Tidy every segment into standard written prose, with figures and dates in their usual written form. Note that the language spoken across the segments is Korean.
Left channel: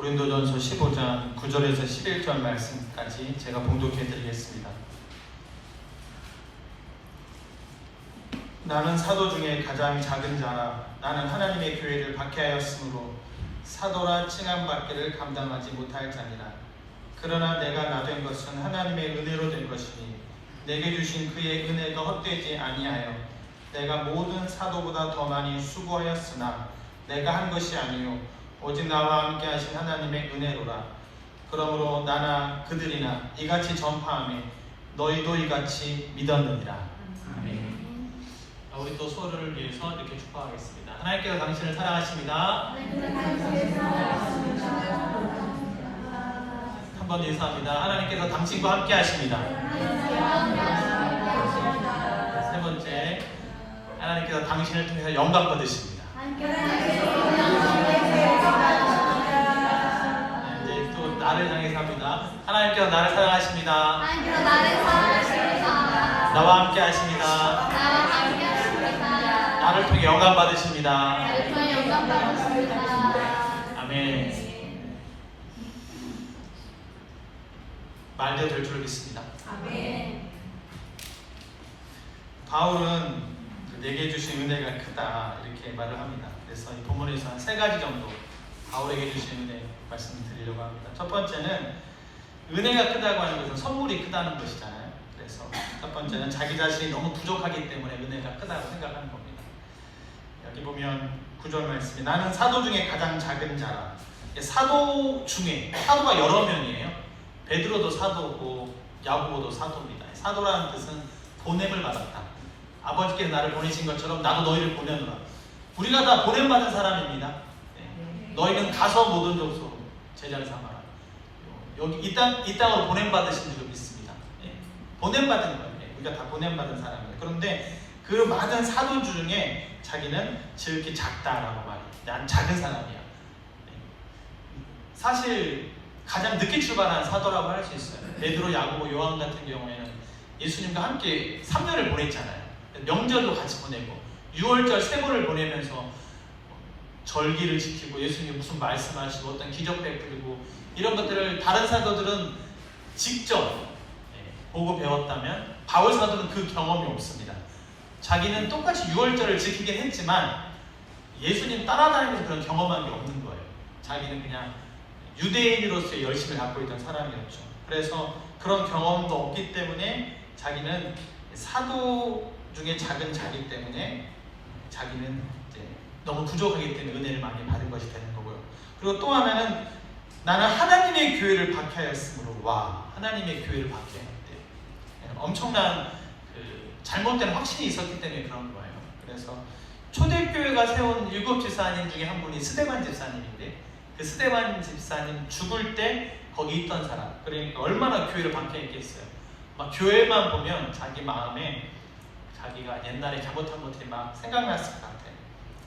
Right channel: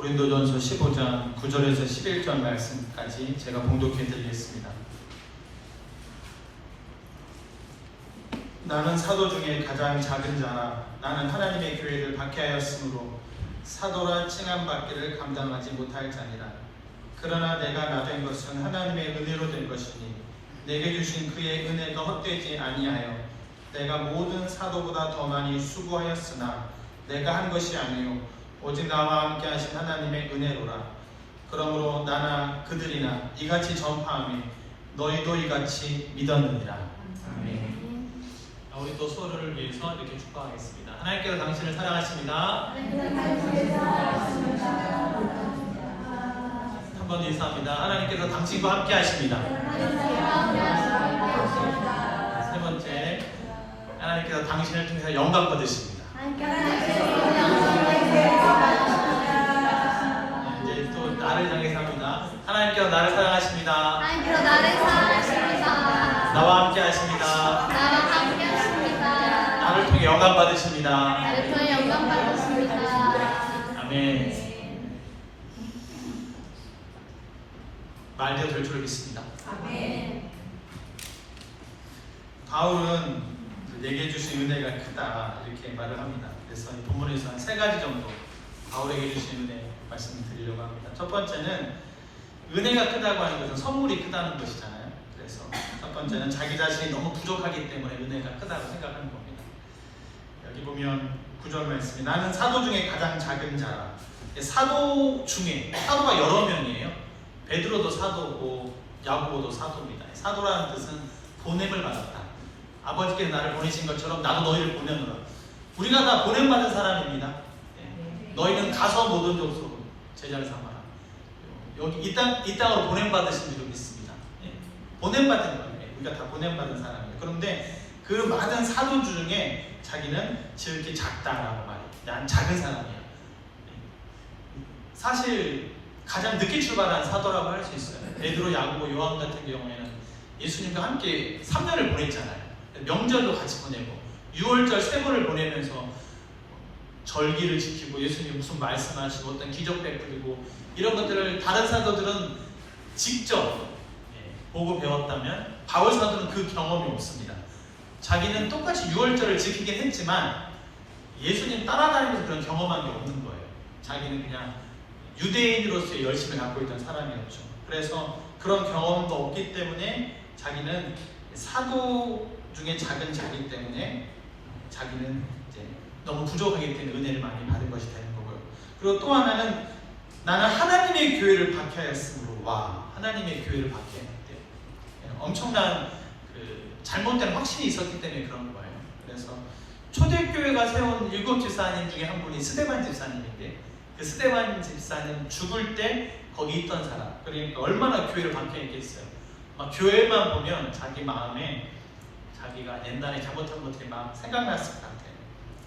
고린도전서 15장 9절에서 11절 말씀까지 제가 봉독해 드리겠습니다. 나는 사도 중에 가장 작은 자라. 나는 하나님의 교회를 박해하였으므로 사도라 칭함받기를 감당하지 못할 자니라. 그러나 내가 나 된 것은 하나님의 은혜로 된 것이니 내게 주신 그의 은혜가 헛되지 아니하여 내가 모든 사도보다 더 많이 수고하였으나 내가 한 것이 아니요 오직 나와 함께 하신 하나님의 은혜로라. 그러므로 나나 그들이나 이같이 전파하며 너희도 이같이 믿었느니라. 아멘. 우리 또 서로를 위해서 이렇게 축복하겠습니다. 하나님께서 당신을 사랑하십니다. 한번 인사합니다. 하나님께서 당신과 함께 하십니다. 세 번째, 하나님께서 당신을 통해서 영광 받으십니다. 이제 또 나를 향해서 합니다. 하나님께서 나를 사랑하십니다. 나와 함께 하십니다. 나를 통해 영광 받으십니다. 아멘. 말도 될 줄 믿습니다. 아멘. 바울은 내게 주신 은혜가 크다 이렇게 말을 합니다. 그래서 이 본문에서 한 세 가지 정도 바울에게 주신 은혜 말씀을 드리려고 합니다. 첫 번째는 은혜가 크다고 하는 것은 선물이 크다는 것이잖아요. 그래서 첫 번째는 자기 자신이 너무 부족하기 때문에 은혜가 크다고 생각하는 겁니다. 여기 보면 9절 말씀에 나는 사도 중에 가장 작은 자라. 사도 중에 사도가 여러 명이에요. 베드로도 사도고 야고보도 사도입니다. 사도라는 뜻은 보냄을 받았다. 아버지께서 나를 보내신 것처럼 나도 너희를 보내노라. 우리가 다 보냄받은 사람입니다. 네. 너희는 가서 모든 족속으로 제자를 삼아라. 여기 이 땅으로 보냄받으신 줄 믿습니다. 네. 보냄받은 거예요. 우리가 다 보냄받은 사람이에요. 그런데 그 많은 사도주 중에 자기는 지극히 작다라고 말해요. 난 작은 사람이야. 네. 사실 가장 늦게 출발한 사도라고 할 수 있어요. 베드로, 야고보, 요한 같은 경우에는 예수님과 함께 3년을 보냈잖아요. 명절도 같이 보내고 6월절 세보를 보내면서 절기를 지키고 예수님 무슨 말씀하시고 어떤 기적 베풀고 이런 것들을 다른 사도들은 직접 보고 배웠다면 바울 사도는 그 경험이 없습니다. 자기는 똑같이 6월절을 지키긴 했지만 예수님 따라다니면서 그런 경험한 게 없는 거예요. 자기는 그냥 유대인으로서의 열심을 갖고 있던 사람이었죠. 그래서 그런 경험도 없기 때문에 자기는 사도 중에 작은 자기 때문에 자기는 이제 너무 부족하기 때문에 은혜를 많이 받은 것이 되는 거고요. 그리고 또 하나는 나는 하나님의 교회를 박해하였으므로 와 하나님의 교회를 박해했는데 엄청난 잘못된 확신이 있었기 때문에 그런 거예요. 그래서 초대교회가 세운 7 집사님 중에 한 분이 스데반 집사님인데 그 스데반 집사님 죽을 때 거기 있던 사람 그러니까 얼마나 교회를 박해했겠어요. 막 교회만 보면 자기 마음에 자기가 옛날에 잘못한 것들이 막 생각났을 것 같아요.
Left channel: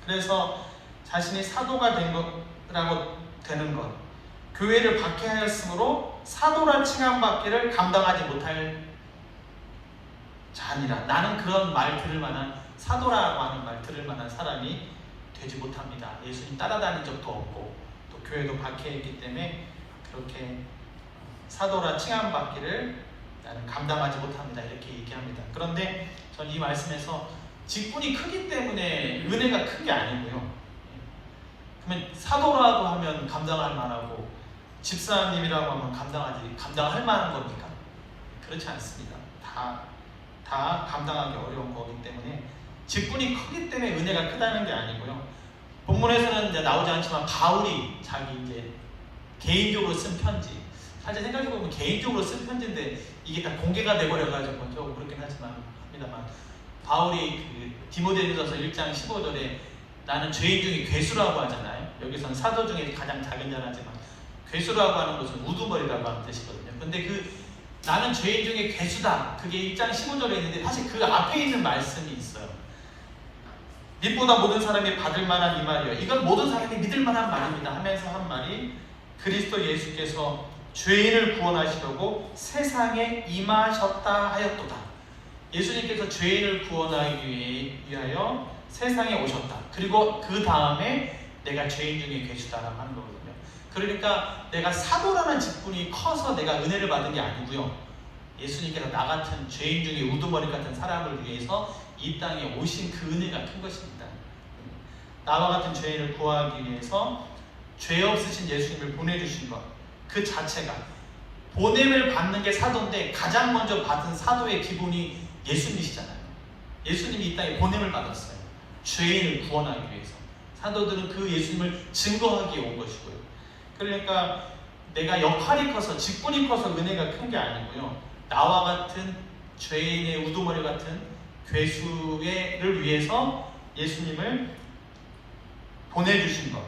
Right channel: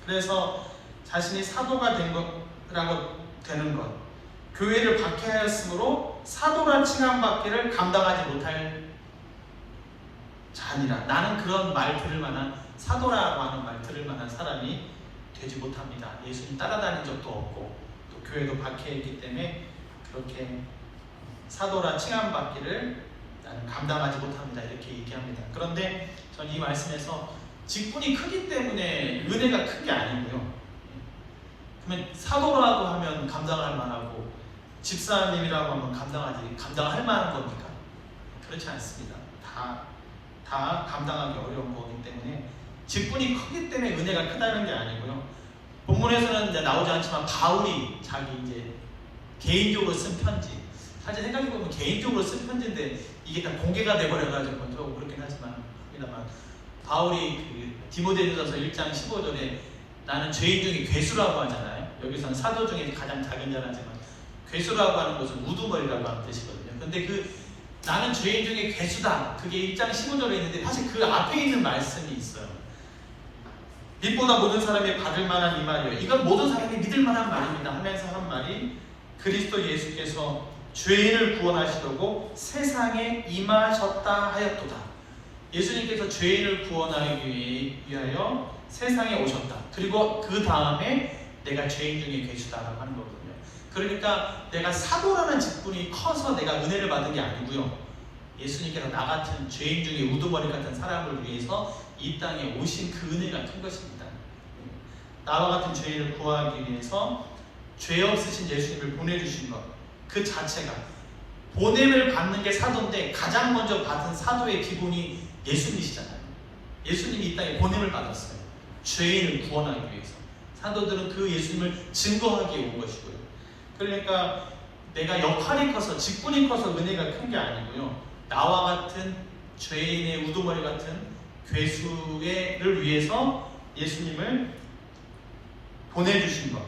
그래서 자신이 사도가 된 것이라고 되는 것, 교회를 박해하였으므로 사도란 칭함받기를 감당하지 못할 자니라. 나는 그런 말 들을 만한 사도라고 하는 말 들을 만한 사람이 되지 못합니다. 예수님 따라다닌 적도 없고 또 교회도 박해했기 때문에 그렇게 사도라 칭함받기를 나는 감당하지 못합니다. 이렇게 얘기합니다. 그런데 전 이 말씀에서 직분이 크기 때문에 은혜가 큰 게 아니고요. 그러면 사도라고 하면 감당할 만하고 집사님이라고 하면 감당할 만한 겁니까? 그렇지 않습니다. 다 감당하기 어려운 거기 때문에 직분이 크기 때문에 은혜가 크다는 게 아니고요. 본문에서는 이제 나오지 않지만 바울이 자기 이제 개인적으로 쓴 편지. 사실 생각해보면 개인적으로 쓴 편지인데 이게 다 공개가 돼버려가지고 조금 그렇긴 하지만 바울이 디모데전서 1장 15절에 나는 죄인 중에 괴수라고 하잖아요. 여기서는 사도 중에 가장 작은 자라지만 괴수라고 하는 것은 우두머리라고 하는 뜻이거든요. 근데 나는 죄인 중에 괴수다. 그게 1장 15절에 있는데 사실 그 앞에 있는 말씀이 있어요. 빛보다 모든 사람이 받을 만한 이 말이에요. 이건 모든 사람이 믿을 만한 말입니다 하면서 한 말이 그리스도 예수께서 죄인을 구원하시려고 세상에 임하셨다 하였도다. 예수님께서 죄인을 구원하기 위하여 세상에 오셨다. 그리고 그 다음에 내가 죄인 중에 괴수다라고 하는 거거든요. 그러니까 내가 사고라는 직분이 커서 내가 은혜를 받은 게 아니고요. 예수님께서 나 같은 죄인 중에 우두머리 같은 사람을 위해서 이 땅에 오신 그 은혜가 큰 것입니다. 나와 같은 죄인을 구하기 위해서 죄 없으신 예수님을 보내주신 것, 그 자체가 보냄을 받는 게 사도인데 가장 먼저 받은 사도의 기본이 예수님이시잖아요. 예수님이 이 땅에 보냄을 받았어요. 죄인을 구원하기 위해서. 사도들은 그 예수님을 증거하기에 온 것이고요. 그러니까 내가 역할이 커서 직분이 커서 은혜가 큰 게 아니고요. 나와 같은 죄인의 우두머리 같은 괴수를 위해서 예수님을 보내주신 것.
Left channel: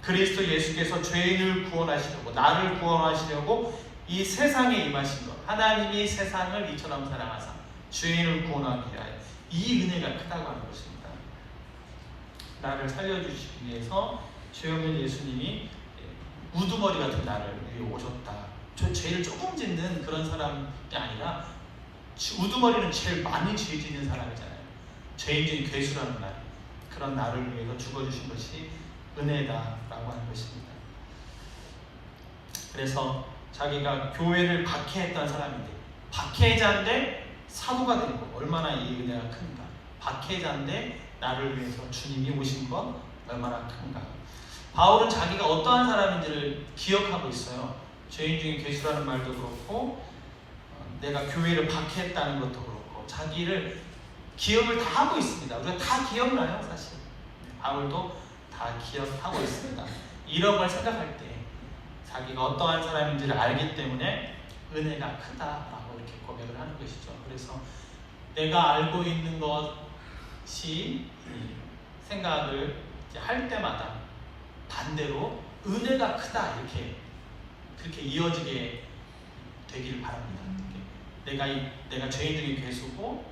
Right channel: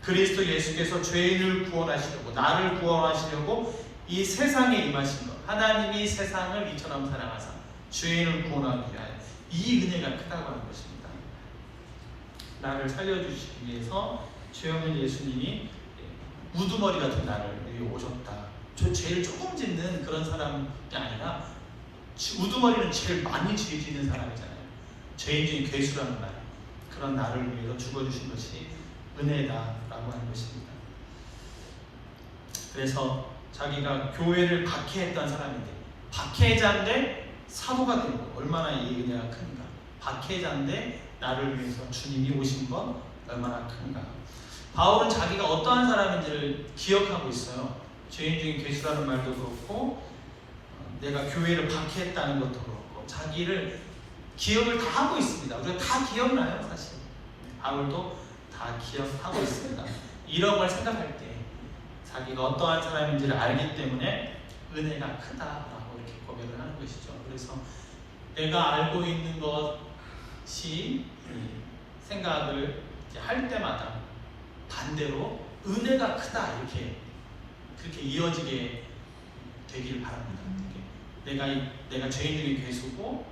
그리스도 예수께서 죄인을 구원하시려고, 나를 구원하시려고 이 세상에 임하신 것. 하나님이 세상을 이처럼 사랑하사 죄인을 구원하기 위하여. 이 은혜가 크다고 하는 것입니다. 나를 살려주시기 위해서 죄 없는 예수님이 우두머리 같은 나를 위해 오셨다. 저 죄를 조금 짓는 그런 사람이 아니라 우두머리는 제일 많이 죄 짓는 사람이잖아요. 죄인 중에 괴수라는 말. 그런 나를 위해서 죽어주신 것이 은혜다라고 하는 것입니다. 그래서 자기가 교회를 박해했던 사람인데, 박해자인데 사도가 된 것, 얼마나 이 은혜가 큰가. 박해자인데 나를 위해서 주님이 오신 것 얼마나 큰가. 바울은 자기가 어떠한 사람인지를 기억하고 있어요. 죄인 중에 괴수라는 말도 그렇고 내가 교회를 박해했다는 것도 그렇고 자기를 기억을 다 하고 있습니다. 우리가 다 기억나요, 사실. 바울도 다 기억하고 있습니다. 이런 걸 생각할 때 자기가 어떠한 사람인지를 알기 때문에 은혜가 크다라고 이렇게 고백을 하는 것이죠. 그래서 내가 알고 있는 것이 생각을 할 때마다 반대로 은혜가 크다 이렇게 그렇게 이어지게 되길 바랍니다. 내가 죄인 중에 괴수고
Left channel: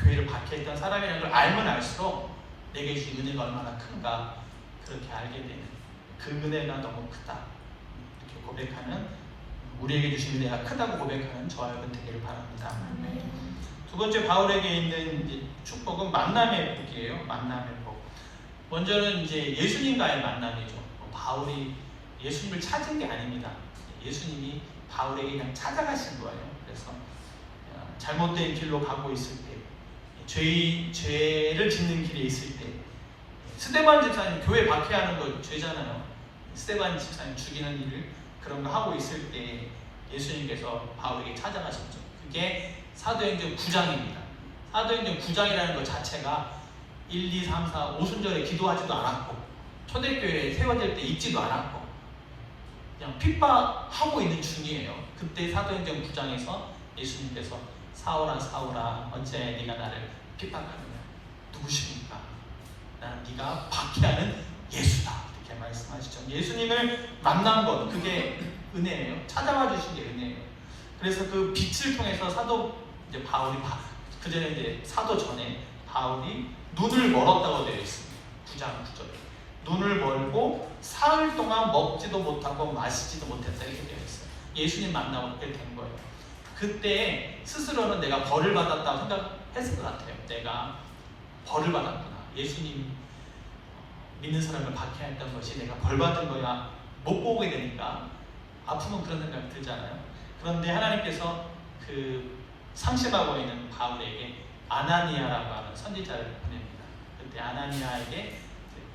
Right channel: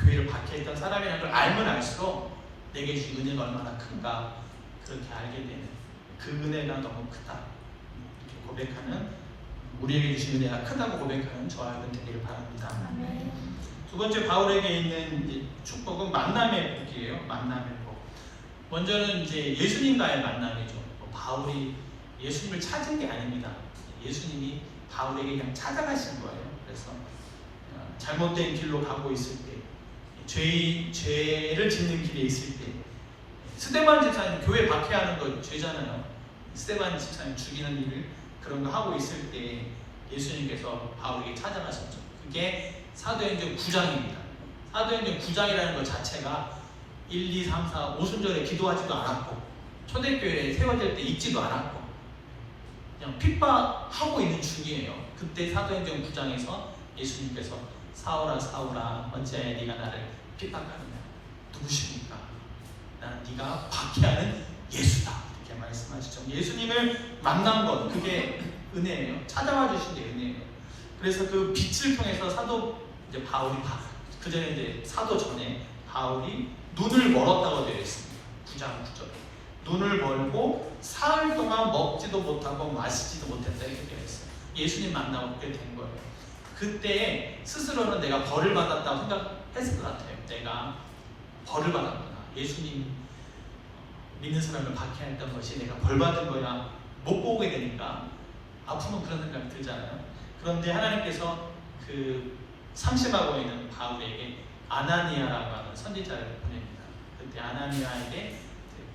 교회를 박해했던 사람이라는 걸 알면 알수록 내게 주신 은혜가 얼마나 큰가 그렇게 알게 되는 그 은혜가 너무 크다 이렇게 고백하는, 우리에게 주신 은혜가 크다고 고백하는 저와 여러분 되기를 바랍니다. 두 번째 바울에게 있는 축복은 만남의 복이에요. 만남의 복. 먼저는 이제 예수님과의 만남이죠. 바울이 예수님을 찾은 게 아닙니다. 예수님이 바울에게 그냥 찾아가신 거예요. 그래서 잘못된 길로 가고 있을 때, 죄를 짓는 길에 있을 때, 스데반 집사님 교회 박해하는 거 죄잖아요. 스데반 집사님 죽이는 일을 그런 거 하고 있을 때 예수님께서 바울에게 찾아가셨죠. 그게 사도행전 9장입니다. 사도행전 9장이라는 것 자체가 1, 2, 3, 4, 5순절에 기도하지도 않았고 초대교회에 세워질 때 읽지도 않았고 그냥 핍박하고 있는 중이에요. 그때 사도행전 9장에서 예수님께서 사울아 사울아 어째 네가 나를 핍박하느냐, 누구십니까? 나는 네가 박해하는 예수다 이렇게 말씀하시죠. 예수님을 만난 것, 그게 은혜예요. 찾아와 주신 게 은혜예요. 그래서 그 빛을 통해서 사도 이제 바울이 그 전에 이제 사도 전에 바울이 눈을 멀었다고 되어 있습니다. 9장 9절에 눈을 멀고 사흘 동안 먹지도 못하고 마시지도 못했다 이렇게 되어 있어요. 예수님 만나고 그렇게 된 거예요. 그때 스스로는 내가 벌을 받았다고 생각했을 것 같아요. 내가 벌을 받았구나. 예수님 믿는 사람을 박해했던 것이 내가 벌 받은 거야. 못 보게 되니까 아프면 그런 생각이 들잖아요. 그런데 하나님께서 그 상심하고 있는 바울에게 아나니아라고 하는 선지자를 보냅니다. 그때 아나니아에게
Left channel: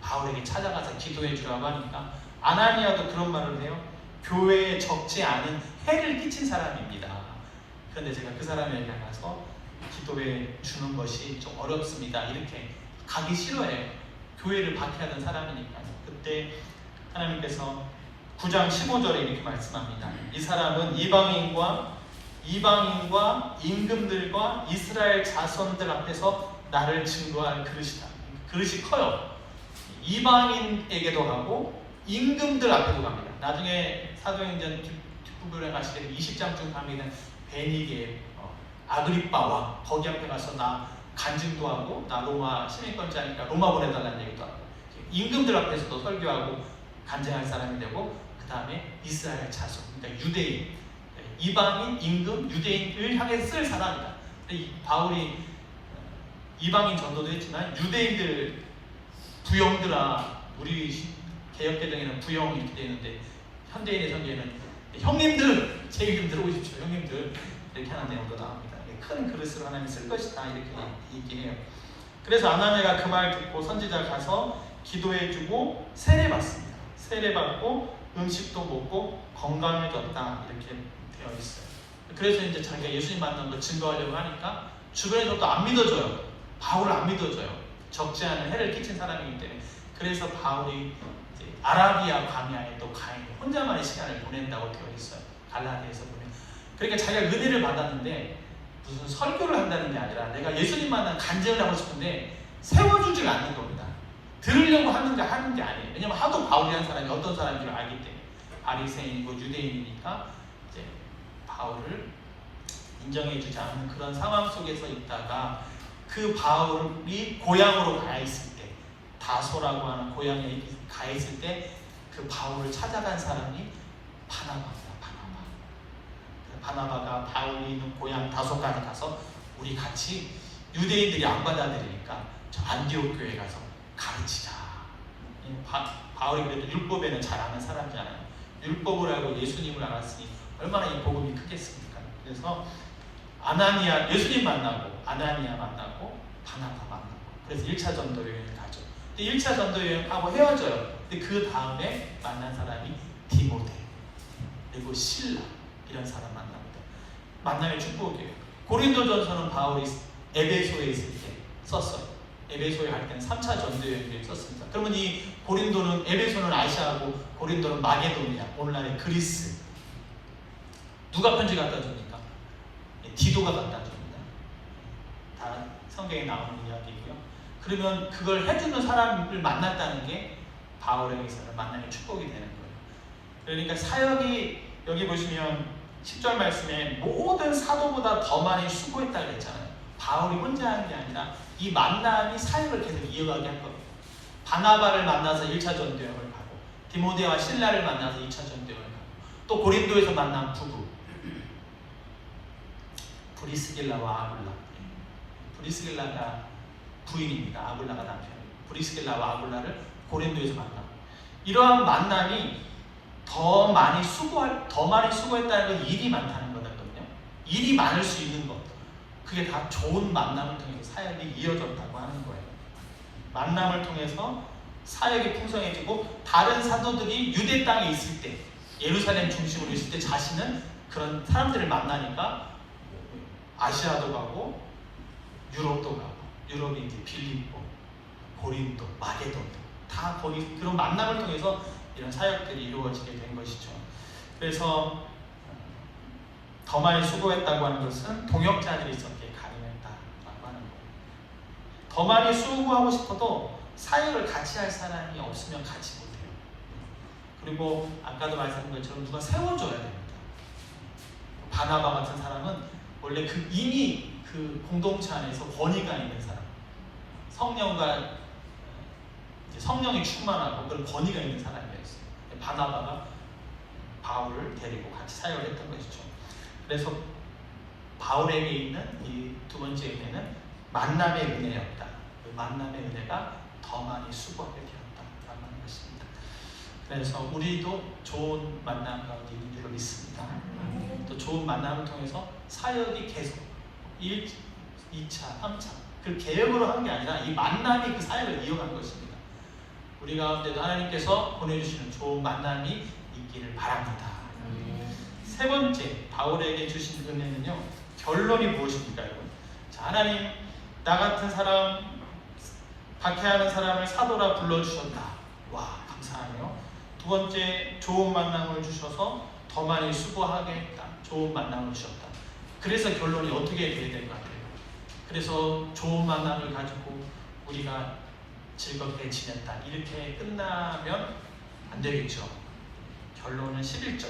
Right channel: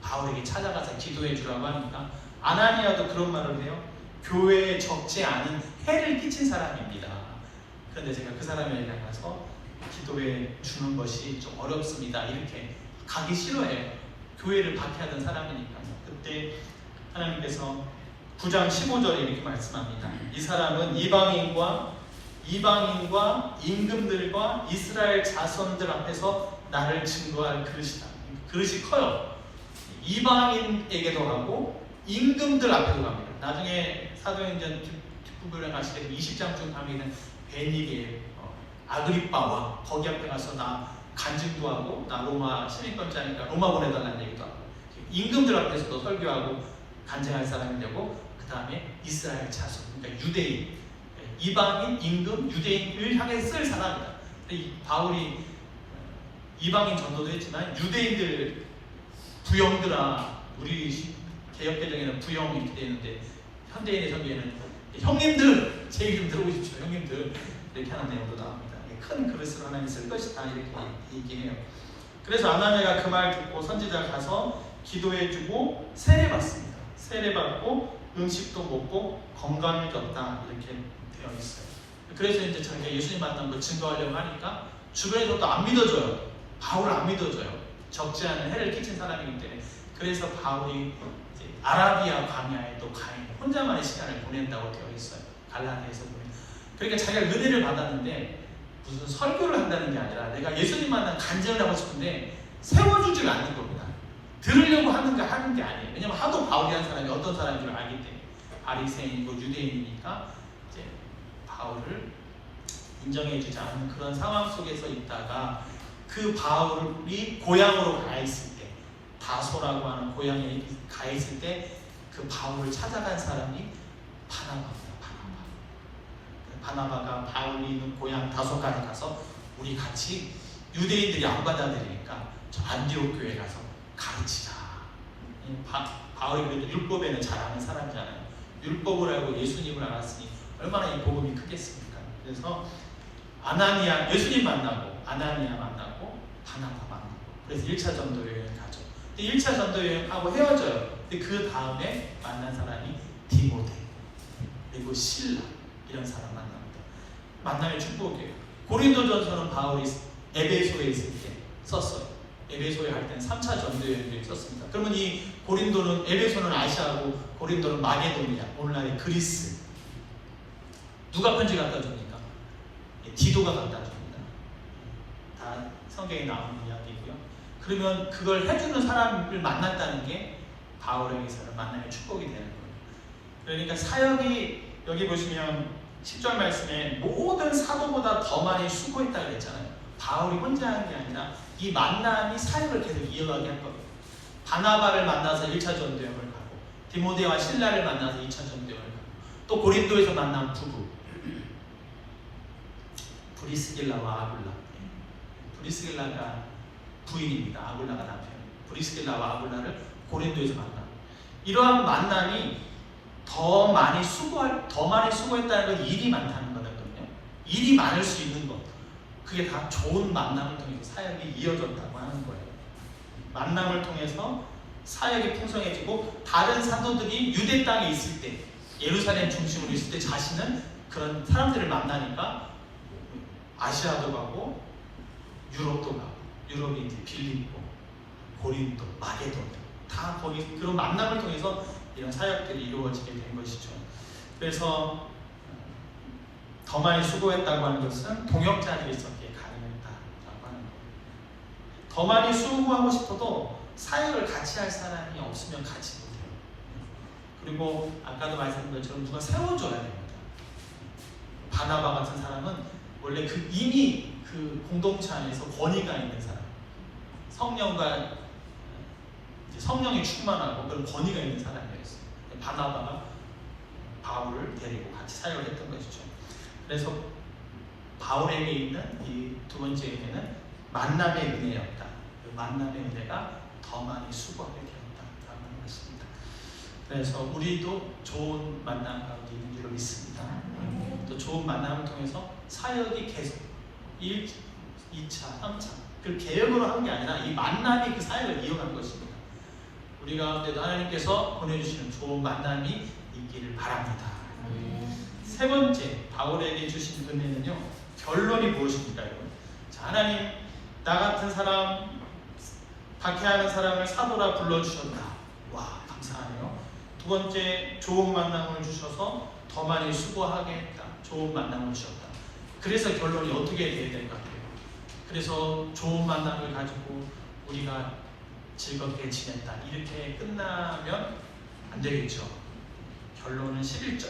바울에게 찾아가서 기도해 주라고 하니까 아나니아도 그런 말을 해요. 교회에 적지 않은 해를 끼친 사람입니다. 그런데 제가 그 사람에게 가서 기도해 주는 것이 좀 어렵습니다. 이렇게 가기 싫어해요. 교회를 박해하던 사람이니까요. 그때 하나님께서 9장 15절에 이렇게 말씀합니다. 이 사람은 이방인과 임금들과 이스라엘 자손들 앞에서 나를 증거할 그릇이다. 그릇이 커요. 이방인에게도 가고 임금들 앞에도 갑니다. 나중에 사도행전 뒷부분에 가시게 20장쯤 가면 베니게 아그리빠와 거기 앞에 가서 나 간증도 하고 나 로마 시민권자니까 로마 보내달라는 얘기도 하고 임금들 앞에서도 설교하고 간증할 사람이 되고 그 다음에 이스라엘 자손, 그러니까 유대인, 이방인, 임금, 유대인을 향해 쓸 사람이다. 바울이 이방인 전도도 했지만 유대인들 부영들아, 우리 개혁개정에는 부영 이렇게 되는데 현대인의 성경에는 형님들 제 이름 들어보십시오. 형님들 이렇게 하는 내용도 나옵니다. 큰 그릇을 하나님이 쓸 것이다 이렇게 얘기해요. 그래서 아나니아가 그 말 듣고 선지자가 가서 기도해주고 세례받습니다. 세례받고 음식도 먹고 건강해졌다 이렇게 되어 있어요. 그래서 이제 자기가 예수님 만난 거 증거하려고 하니까 주변에서도 안 믿어줘요. 바울을 안 믿어줘요. 적지 않은 해를 끼친 사람이기 때문에. 그래서 바울이 이제 아라비아 광야에 또 가 있는 혼자만의 시간을 보낸다고 되어 있어요. 갈라디아에서 보면. 그러니까 자기가 은혜를 받았는데 무슨 설교를 한다는 게 아니라 내가 예수님 만난 간증을 하고 싶은데 세워주질 않는 겁니다. 들으려고 하는 게 아니에요. 왜냐면 하도 바울이라는 사람이 어떤 사람인 줄 알기 때문에. 바리새인이고 유대인이니까 이제 바울을 인정해주지 않는 그런 상황 속에서 있다가 그 바울이 고향으로 가 있을 때, 다소라고 하는 고향에 가 있을 때 그 바울을 찾아간 사람이 바나바입니다. 바나바가 바울이 있는 고향 다소까지 가서 우리 같이 유대인들이 안 받아들이니까 저 안디옥 교회 가서 가르치자. 바울이 그래도 율법에는 잘 아는 사람이잖아요. 율법을 알고 예수님을 알았으니 얼마나 이 복음이 크겠습니까? 그래서 아나니아 예수님 만나고 아나니아 만나고 바나바 만나고 그래서 1차 전도 여행을 가죠. 근데 1차 전도 여행하고 헤어져요. 근데 그 다음에 만난 사람이 디모데 그리고 실라 이런 사람 만납니다. 만남의 축복이에요. 고린도전서는 바울이 에베소에 있을 때 썼어요. 에베소에 갈 때는 3차 전도 여행을 썼습니다. 그러면 이 고린도는 에베소는 아시아고 고린도는 마게도니아 오늘날의 그리스. 누가 편지 갖다 줍니까? 디도가 갖다 줍니다. 다 성경에 나오는 이야기고요. 그러면 그걸 해주는 사람을 만났다는 게 바울에게서는 만남의 축복이 되는 거예요. 그러니까 사역이 여기 보시면 10절 말씀에 모든 사도보다 더 많이 수고했다고 했잖아요. 바울이 혼자 하는 게 아니라 이 만남이 사역을 계속 이어가게 할 겁니다. 바나바를 만나서 1차 전도여행을 가고 디모데와 실라를 만나서 2차 전도여행을 가고 또 고린도에서 만난 부부 브리스길라와 아굴라. 브리스길라가 부인입니다. 아굴라가 남편이에요. 브리스길라와 아굴라를 고린도에서 만나고 이러한 만남이 더 많이 수고했다는 건 일이 많다는 거거든요. 일이 많을 수 있는 것. 그게 다 좋은 만남을 통해서 사역이 이어졌다고 하는 거예요. 만남을 통해서 사역이 풍성해지고 다른 사도들이 유대 땅에 있을 때 예루살렘 중심으로 있을 때 자신은 그런 사람들을 만나니까 아시아도 가고 유럽도 가고 유럽이 이제 빌립보, 고린도, 마게도도 다 거기 그런 만남을 통해서 이런 사역들이 이루어지게 된 것이죠. 그래서 더 많이 수고했다고 하는 것은 동역자들이 있었기에 가능했다라고 하는 거예요. 더 많이 수고하고 싶어도 사역을 같이 할 사람이 없으면 같이 못해요. 그리고 아까도 말씀드린 것처럼 누가 세워줘야 됩니다. 바나바 같은 사람은 원래 이미 그 공동체 안에서 권위가 있는 사람, 성령이 충만하고 그런 권위가 있는 사람이었어요. 바나바가 바울을 데리고 같이 사역을 했던 것이죠. 그래서 바울에게 있는 이 두 번째 은혜는 만남의 은혜였다. 그 만남의 은혜가 더 많이 수고하게 되었다라고 하는 것입니다. 그래서 우리도 좋은 만남 가운데 있는 줄로 믿습니다. 또 좋은 만남을 통해서 사역이 계속 1, 2차, 3차 그 계획으로 한 게 아니라 이 만남이 그 사역을 이어가는 것입니다. 우리 가운데도 하나님께서 보내주시는 좋은 만남이 있기를 바랍니다. 세 번째 바울에게 주신 은혜는요. 결론이 무엇입니까? 자, 하나님 나 같은 사람 박해하는 사람을 사도라 불러주셨다. 와 감사하네요. 두 번째 좋은 만남을 주셔서 더 많이 수고하게 했다. 좋은 만남을 주셨다. 그래서 결론이 어떻게 돼야 될 것 같아요? 그래서 좋은 만남을 가지고 우리가 즐겁게 지냈다. 이렇게 끝나면 안 되겠죠. 결론은 11절.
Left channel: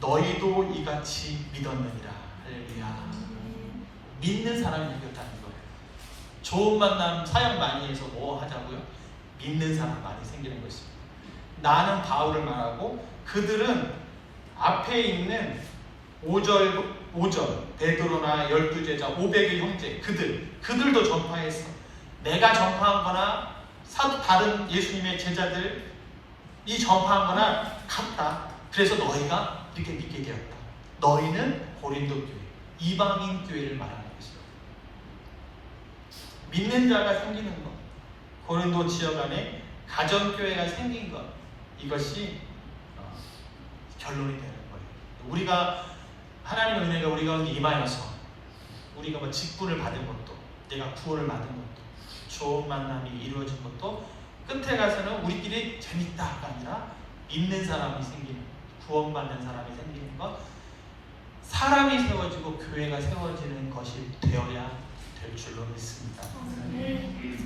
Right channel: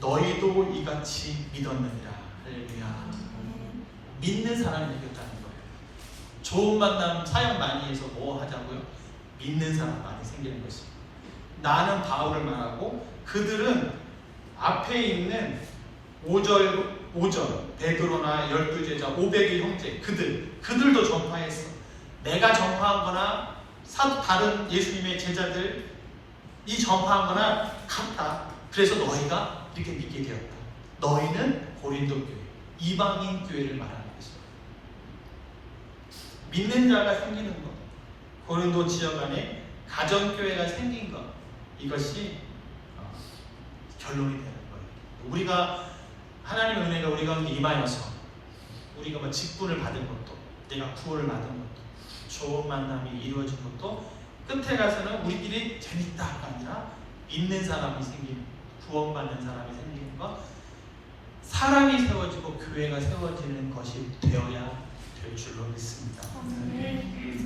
너희도 이같이 믿었느니라. 할렐루야. 믿는 사람이 이겼다는 거예요. 좋은 만남 사역 많이 해서 뭐 하자고요? 믿는 사람 많이 생기는 것입니다. 나는 바울을 말하고 그들은 앞에 있는 5절 베드로나 12제자 500의 형제 그들도 전파했어. 내가 전파한 거나 다른 예수님의 제자들 이 전파한 거나 같다. 그래서 너희가 이렇게 믿게 되었다. 너희는 고린도 교회, 이방인 교회를 말하는 것입니다. 믿는 자가 생기는 것, 고린도 지역 안에 가정교회가 생긴 것, 이것이 결론이 되는 거예요. 우리가 하나님의 은혜가 우리 가운데 임하여서 우리가 뭐 직분을 받은 것도, 내가 구원을 받은 것도, 좋은 만남이 이루어진 것도 끝에 가서는 우리끼리 재밌다가 아니라 믿는 사람이 생기는, 구원받는 사람이 생기는 것, 사람이 세워지고 교회가 세워지는 것이 되어야 될 줄로 믿습니다.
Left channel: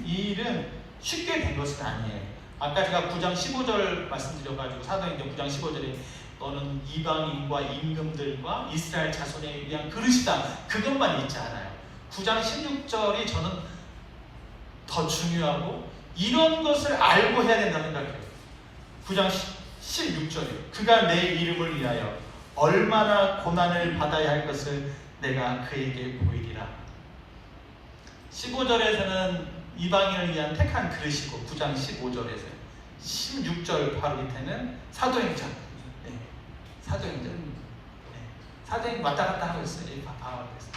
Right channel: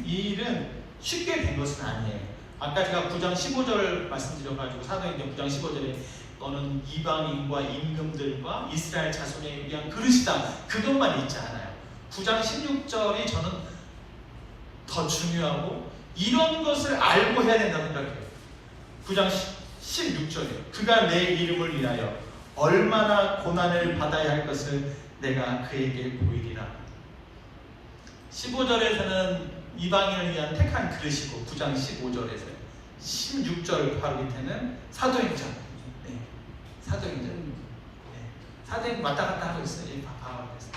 이 일은 쉽게 된 것은 아니에요. 아까 제가 9장 15절 말씀드려가지고 사도행전 9장 15절에 너는 이방인과 임금들과 이스라엘 자손에 위한 그릇이다, 그것만 있지 않아요. 9장 16절이 저는 더 중요하고 이런 것을 알고 해야 된다고 생각해요. 9장 16절에 그가 내 이름을 위하여 얼마나 고난을 받아야 할 것을 내가 그에게 보이리라. 15절에서는 이방인을 위한 택한 그릇이고 9장 15절에서 16절 바로 밑에는 사도행전. 네, 사도행전. 네, 사도행 왔다 갔다 하고 있어요.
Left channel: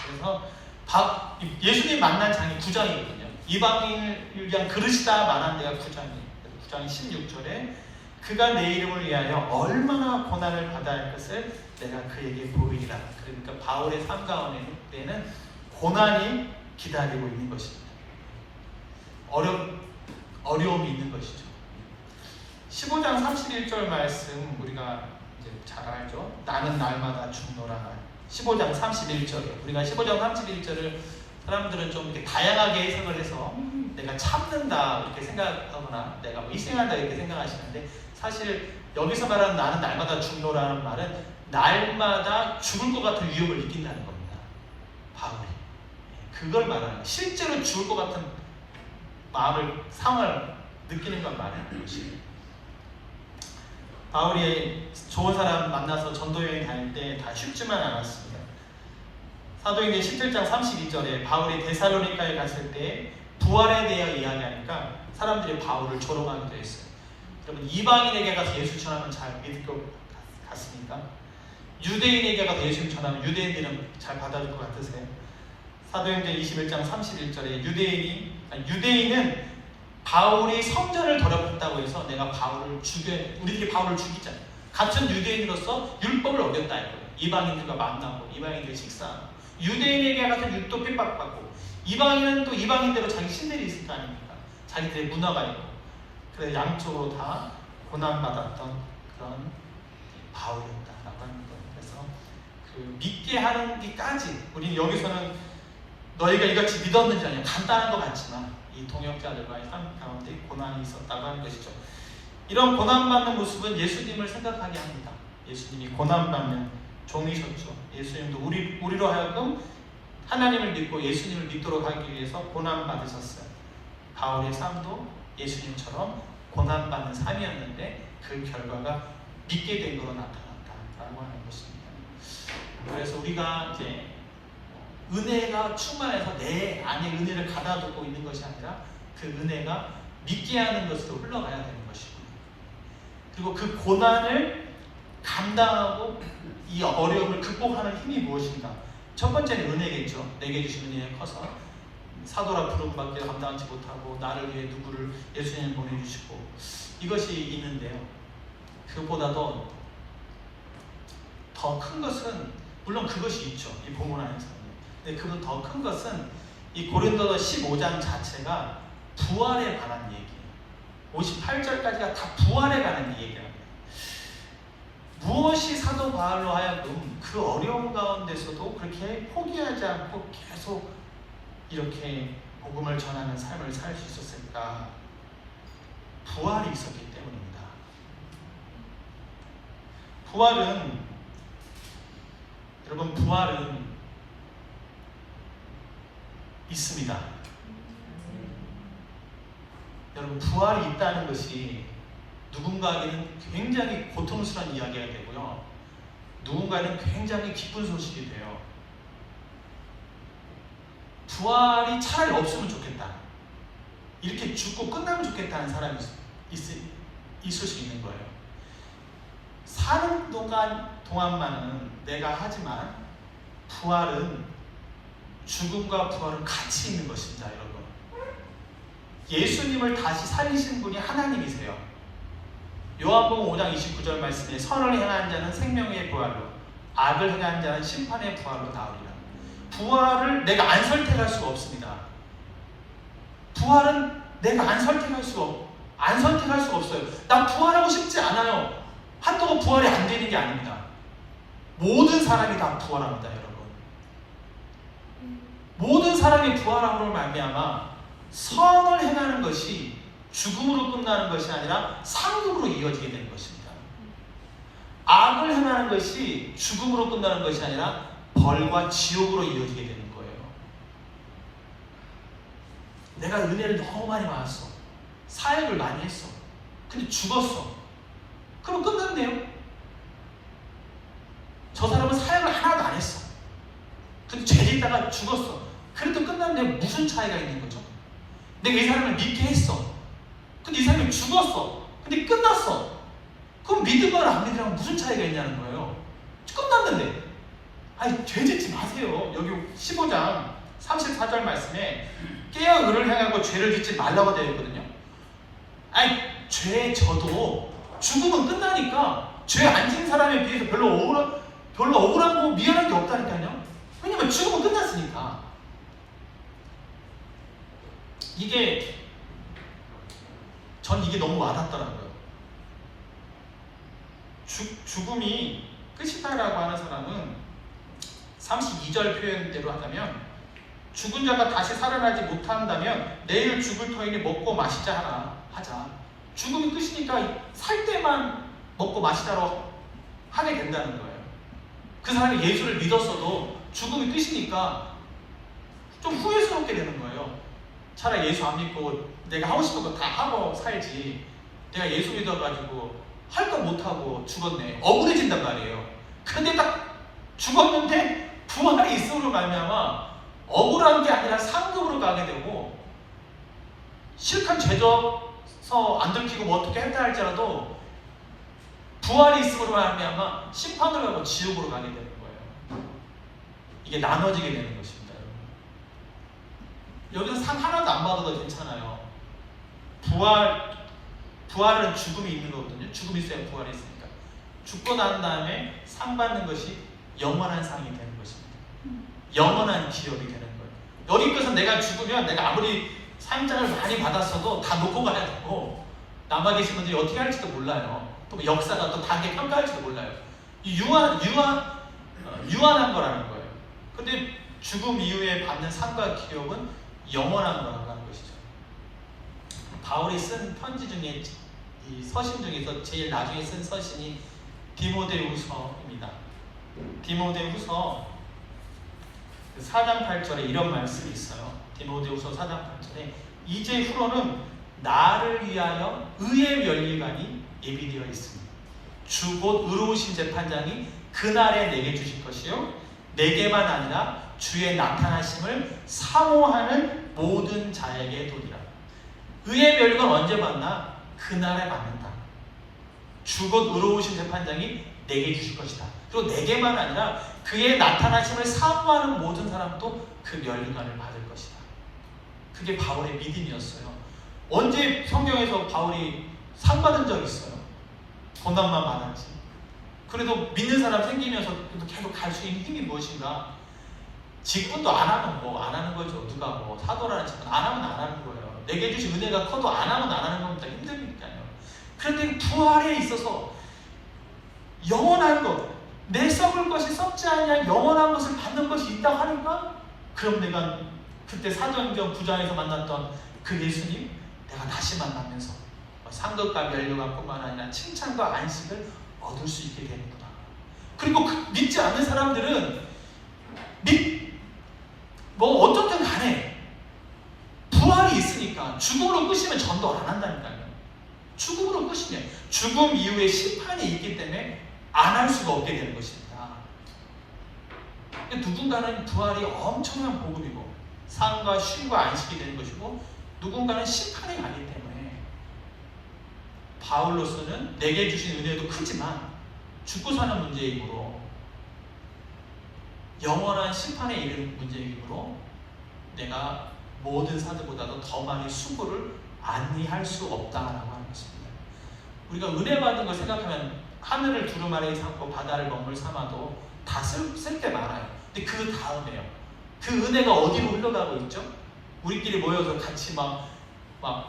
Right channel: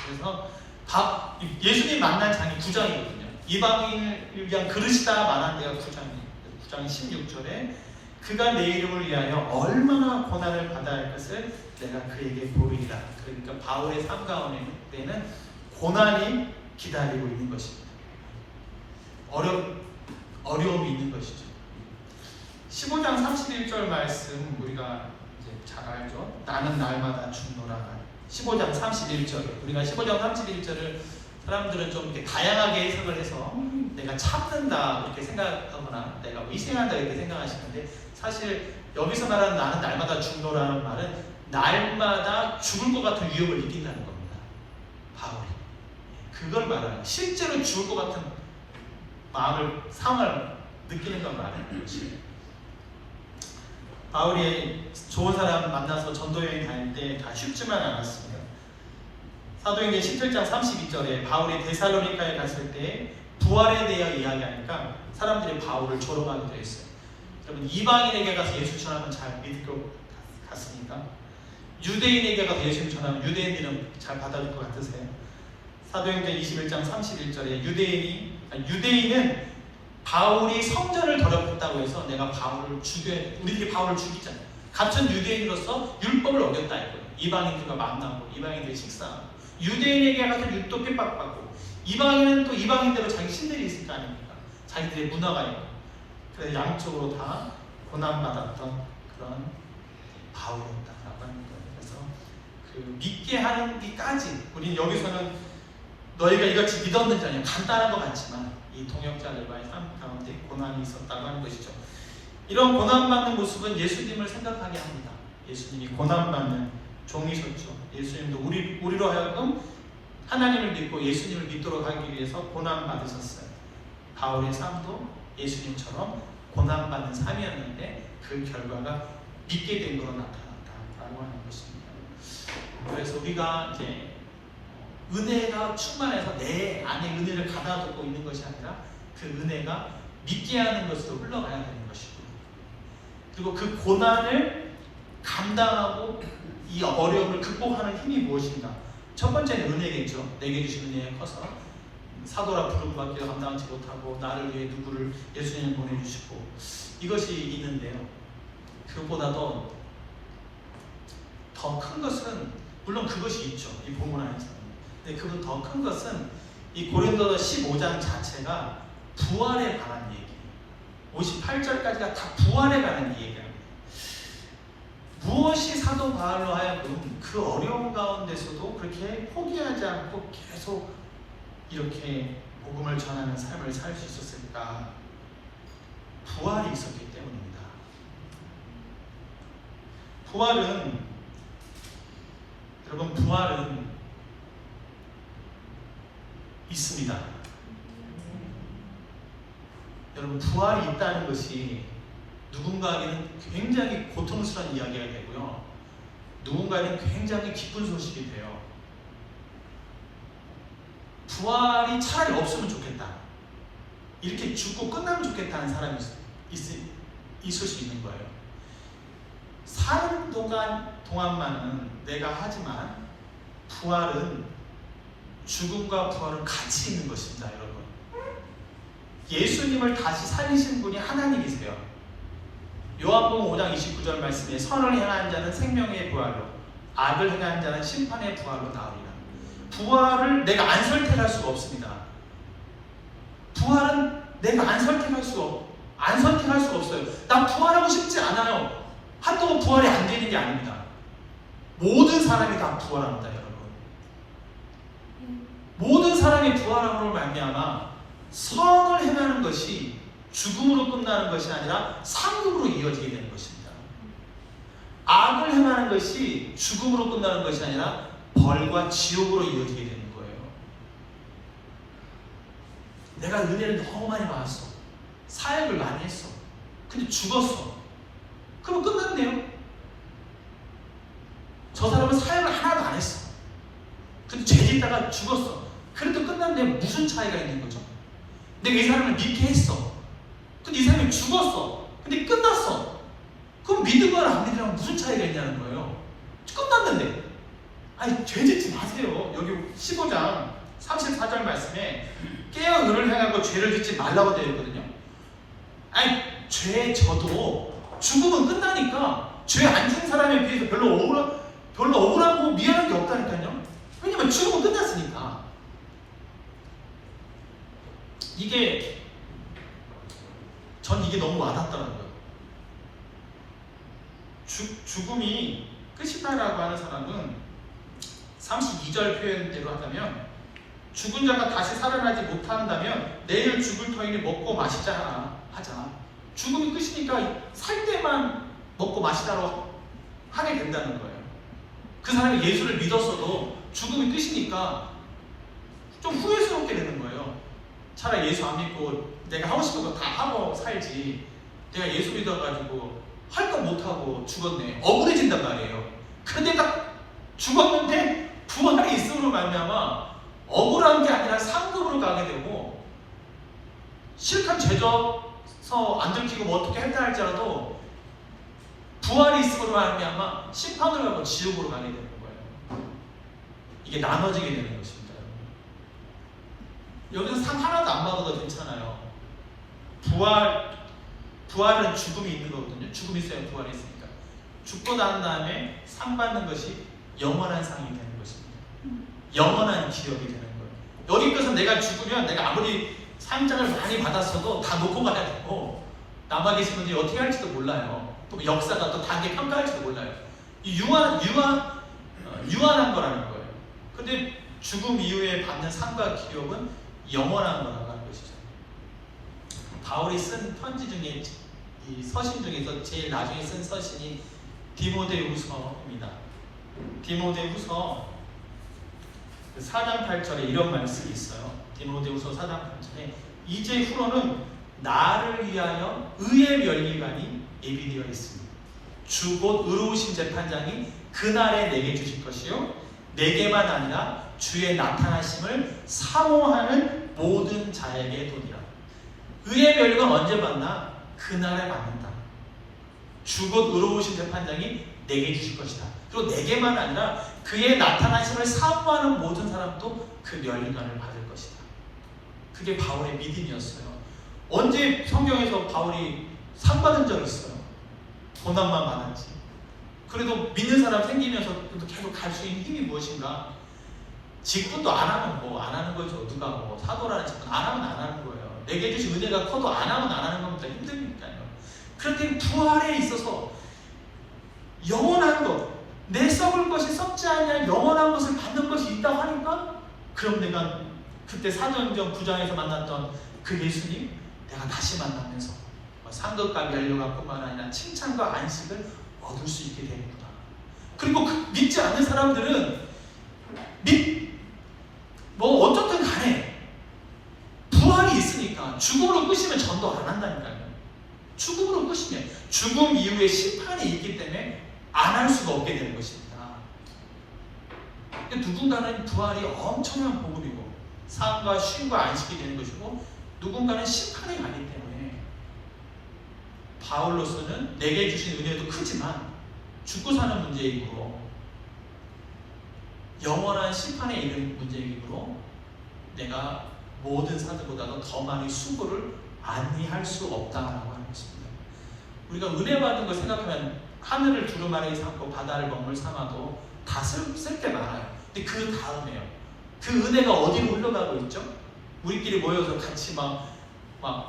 그래서 예수님 만난 장이 9장이거든요. 이방인을 위한 그릇이다 말한 데가 9장이에요. 9장 16절에 그가 내 이름을 위하여 얼마나 고난을 받아야 할 것을 내가 그에게 보이리라. 그러니까 바울의 삶 가운데는 고난이 기다리고 있는 것입니다. 어려움이 있는 것이죠. 15장 31절 말씀 우리가 이제 잘 알죠. 나는 날마다 죽노라. 15장 31절. 우리가 15장 31절을 사람들은 좀 이렇게 다양하게 해석을 해서 내가 참는다 이렇게 생각하거나 내가 위생한다 이렇게 생각하시는데, 사실 여기서 말하는 나는 날마다 죽노라는 말은 날마다 죽을 것 같은 위협을 느낀다는 겁니다. 바울이 그걸 말하는, 실제로 죽을 것 같은 마음을, 상황을 느끼는 걸 말하는 것입니다. 바울이 좋은 사람 만나서 전도여행 다닐 때 다 쉽지만 않았습니다. 사도행전 17장 32절에 바울이 데살로니가에 갔을 때 부활에 대해 이야기하니까 사람들이 바울을 조롱하기도 했어요. 여러분, 이방인에게 가서 예수 전하면 잘 믿을 것 같습니까? 유대인에게 가서 예수 전하면 유대인들은 잘 받아줄 것 같으세요? 사도행전 21장 31절에 유대인은 바울이 성전을 더럽혔다고 해서 내가 바울을 우리들이 바울을 죽이잖아요. 같은 유대인으로서 율법을 어겼다 이거예요. 이방인들과 만나고 이방인들이 식사하고, 유대인에게 가서 율도 핍박받고, 이방인은 또 이방인대로 자기 신들이 있을 거 아닙니까? 자기들의 문화가 있고. 그래서 양쪽으로 다 고난받았던 그런 바울이었다라고 하는 거예요. 그래서 그 믿게 하는 게까지, 우리는 여기서는 너희가 이같이 믿었는지 아니냐 간단한 것 같지만 이 동역자들과의 삶 가운데 고난이 있었다고 하는 것이죠. 이런 고난받는 모습은 예수님을 생각하게 합니다. 예수님이 고난받는 종이셨죠. 예수님도 우리로 하여금 하나님을 믿고 예수님을 믿도록 하기 위해서 고난받으셨어요. 바울의 삶도 예수님처럼 고난받는 삶이었는데 그 결과가 믿게 된 거로 나타났다라고 하는 것입니다. 그래서 우리가 이제 은혜가 충만해서 내 안에 은혜를 가다듬고 있는 것이 아니라 그 은혜가 믿게 하는 것으로 흘러가야 되는 것이고, 그리고 그 고난을 감당하고 이 어려움을 극복하는 힘이 무엇인가? 첫 번째는 은혜겠죠. 내게 주신 은혜가 커서 사도라 부름밖에 감당하지 못하고 나를 위해 누구를 예수님을 보내주시고, 이것이 있는데요. 그보다도 더 큰 것은, 물론 그것이 있죠. 이 본문 안에서. 근데 그보다 더 큰 것은 이 고린도서 15장 자체가 부활에 관한 얘기예요. 58절까지가 다 부활에 관한 얘기예요. 무엇이 사도 바울로 하여금 그 어려운 가운데서도 그렇게 포기하지 않고 계속 이렇게 복음을 전하는 삶을 살 수 있었을까? 부활이 있었기 때문입니다. 여러분, 부활은 있습니다. 여러분, 부활이 있다는 것이 누군가에게는 굉장히 고통스러운 이야기가 되고요, 누군가에는 굉장히 기쁜 소식이 돼요. 부활이 차라리 없으면 좋겠다, 이렇게 죽고 끝나면 좋겠다는 사람이 있을 수 있는 거예요. 사는 동안만은 내가 하지만 부활은 죽음과 부활은 같이 있는 것입니다, 여러분. 예수님을 다시 살리신 분이 하나님이세요. 요한복음 5장 29절 말씀에 선을 행한 자는 생명의 부활로, 악을 행한 자는 심판의 부활로 나오리라. 부활을 내가 안 선택할 수가 없습니다. 부활은 내가 안 선택할 수가 없어요. 나 부활하고 싶지 않아요. 한동안 부활이 안 되는 게 아닙니다. 모든 사람이 다 부활합니다, 여러분. 모든 사람이 부활함으로 말미암아 선을 행하는 것이 죽음으로 끝나는 것이 아니라 상급으로 이어지게 되는 것입니다. 악을 행하는 것이 죽음으로 끝나는 것이 아니라 벌과 지옥으로 이어지게 되는 거예요. 내가 은혜를 너무 많이 받았어. 사역을 많이 했어. 근데 죽었어. 그럼 끝났네요. 저 사람은 사역을 하나도 안 했어. 근데 죄짓다가 죽었어. 그래도 끝났는데 무슨 차이가 있는 거죠? 내가 이 사람을 믿게 했어. 근데 이 사람이 죽었어. 근데 끝났어. 그럼 믿으거나 안 믿으랑 무슨 차이가 있냐는 거예요. 끝났는데. 아니, 죄짓지 마세요. 여기 15장 34절 말씀에 깨어 의를 행하고 죄를 짓지 말라고 되어 있거든요. 아니, 죄 져도 죽으면 끝나니까 죄 안 지은 사람에 비해서 별로 억울하고 미안한 게 없다니까요. 왜냐면 죽으면 끝났으니까. 전 이게 너무 와닿더라고요. 죽음이 끝이다라고 하는 사람은 32절 표현대로 한다면, 죽은 자가 다시 살아나지 못한다면 내일 죽을 터이니 먹고 마시자 하자. 죽음이 끝이니까 살 때만 먹고 마시자로 하게 된다는 거예요. 그 사람이 예수를 믿었어도 죽음이 끝이니까 좀 후회스럽게 되는 거예요. 차라리 예수 안 믿고 내가 하고 싶은 거 다 하고 살지, 내가 예수 믿어가지고 할 거 못하고 죽었네, 억울해진단 말이에요. 근데 내가 죽었는데 부활이 있음으로 말미암아 억울한 게 아니라 상급으로 가게 되고, 실컷 죄져서 안 들키고 뭐 어떻게 했다 할지라도 부활이 있음으로 말미암아 심판을 가고 지옥으로 가게 되는 거예요. 이게 나눠지게 되는 것입니다. 여기서 상 하나도 안 받아도 괜찮아요. 부활은 죽음이 있는 거거든요. 죽음이 있어야 부활이 있으니까. 죽고 난 다음에 상 받는 것이 영원한 상이 되는 것입니다. 영원한 기업이 되는 거예요. 여기까지 내가 죽으면 내가 아무리 상장을 많이 받았어도 다 놓고 가야 되고, 남아 계신 분들이 어떻게 할지도 몰라요. 또 역사가 또 다르게 평가할지도 몰라요. 유한한 거라는 거예요. 근데 죽음 이후에 받는 상과 기업은 영원한 거라는 것이죠. 바울이 쓴 편지 중에, 이 서신 중에서 제일 나중에 쓴 서신이 디모데후서입니다. 디모데후서 4장 8절에 이런 말씀이 있어요. 디모데후서 4장 8절에 이제 후로는 나를 위하여 의의 면류관이 예비되어 있습니다. 주 곧 의로우신 재판장이 그날에 내게 주실 것이요, 내게만 아니라 주의 나타나심을 사모하는 모든 자에게 도리라. 의의 면류관 언제 받나? 그날에 받는다. 주 곧 의로우신 재판장이 내게 주실 것이다. 그리고 내게만 아니라 그의 나타나심을 사모하는 모든 사람도 그 면류관을 받을 것이다. 그게 바울의 믿음이었어요. 언제 성경에서 바울이 상 받은 적 있어요? 고난만 받았지. 그래도 믿는 사람 생기면서 계속 갈 수 있는 힘이 무엇인가? 직분도 안 하면 뭐 안 하는 거죠. 누가 뭐 사도라는 직분 안 하면 안 하는 거예요. 내게 주신 은혜가 커도 안 하면 안 하는 겁니다. 힘드니까요. 그런데 부활에 있어서 영원한 것, 내 썩을 것이 썩지 아니한 영원한 것을 받는 것이 있다고 하니까, 그럼 내가 그때 사도행전 9장에서 만났던 그 예수님 내가 다시 만나면서 상급과 면류관뿐만 아니라 칭찬과 안식을 얻을 수 있게 됩니다. 그리고 믿지 않는 사람들은 뭐 어쨌든 간에 부활이 있으니까 죽음으로 끝이면 전도 안 한다니까요. 죽음으로 끝이면 죽음 이후에 심판이 있기 때문에 안 할 수가 없게 되는 것입니다. 누군가는 부활이 엄청난 복음이고 상과 쉼과 안식이 되는 것이고, 누군가는 심판이 가기 때문에 바울로서는 내게 주신 은혜도 크지만 죽고 사는 문제이므로 영원한 심판에 이른 문제이므로 내가 모든 사도보다도 더 많이 수고를 안니할 수 없다라고 하는 것입니다. 우리가 은혜 받은 걸 생각하면 하늘을 두루마리 삼고 바다를 먹물 삼아도 다 쓸 게 많아요. 근데 그 다음에요. 그 은혜가 어디로 흘러가고 있죠? 우리끼리 모여서 같이 막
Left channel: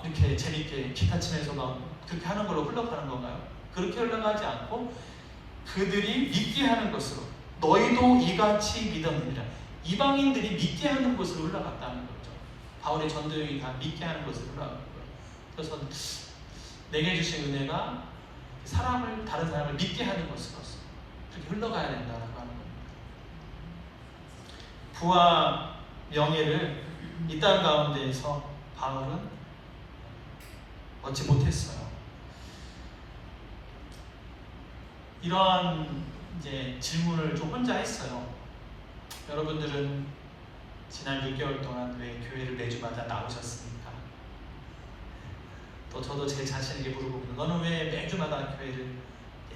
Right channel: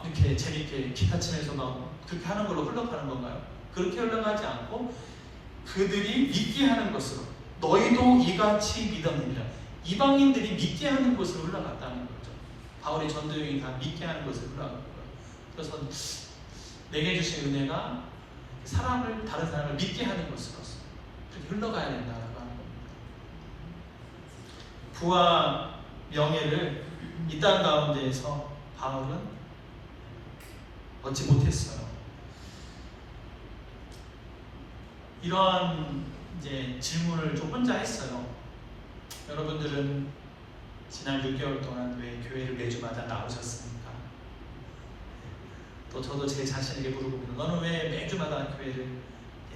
이렇게 재밌게 기타 치면서 막 그렇게 하는 걸로 흘러가는 건가요? 그렇게 흘러가지 않고 그들이 믿게 하는 것으로 너희도 이같이 믿었느니라. 이방인들이 믿게 하는 것으로 흘러갔다는 거죠. 바울의 전도여행이 다 믿게 하는 것으로 흘러간 거예요. 그래서 내게 주신 은혜가 다른 사람을 믿게 하는 것으로서 그렇게 흘러가야 된다고 하는 겁니다. 부와 명예를 이 땅 가운데에서 바울은 얻지 못했어요. 이러한 이제 질문을 좀 혼자 했어요. 여러분들은 지난 6개월 동안 왜 교회를 매주마다 나오셨습니까? 또 저도 제 자신에게 물어보고 너는 왜 매주마다 교회를